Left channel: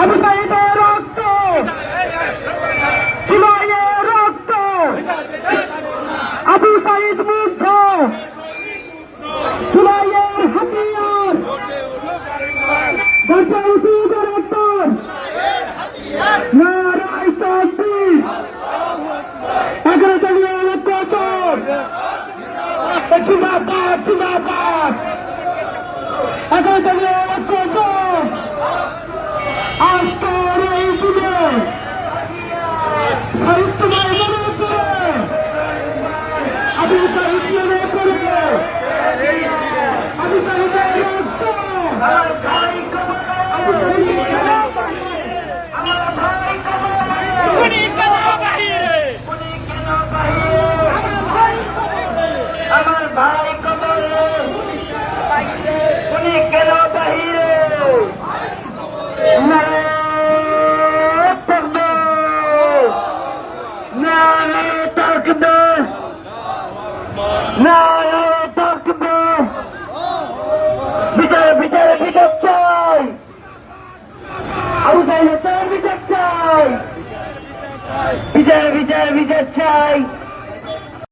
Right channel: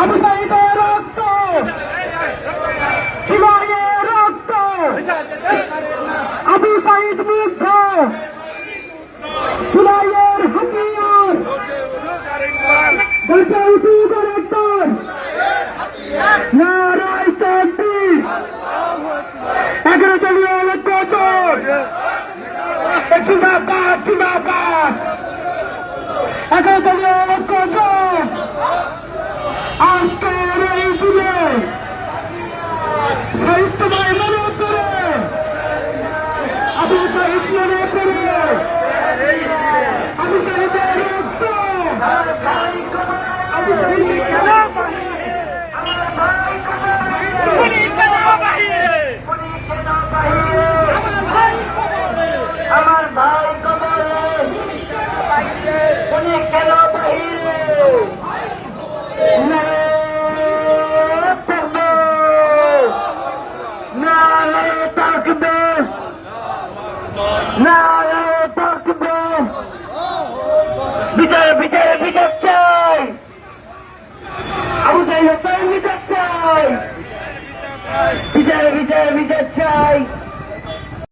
আবু সাঈদের রক্ত, জুলাইয়ের রক্ত, আবু সাঈদ মুগ্ধ, জুলাইয়ের হাতিয়ার, নারায় তাকবীর, 11 দলীয় ঐক্যজোট, জিন্দাবাদ জিন্দাবাদ, 11 দলীয় ঐক্যজোট আজকের এই দিনে সাহিত্যময় মনে করে আবু সাঈদ মনে করে আবু সাঈদের রক্ত, আবু সাঈদ কেন আমার ভাই উনি কেন বাহিরে, আমার ভাই কবরে, উনি কেন বাহিরে, নারায়ে তাকবীর, নারায়ে তাকবীর, বিচার বিচার বিচার চাই, আবু সাঈদ হত্যার বিচার চাই, বিচার বিচার বিচার চাই।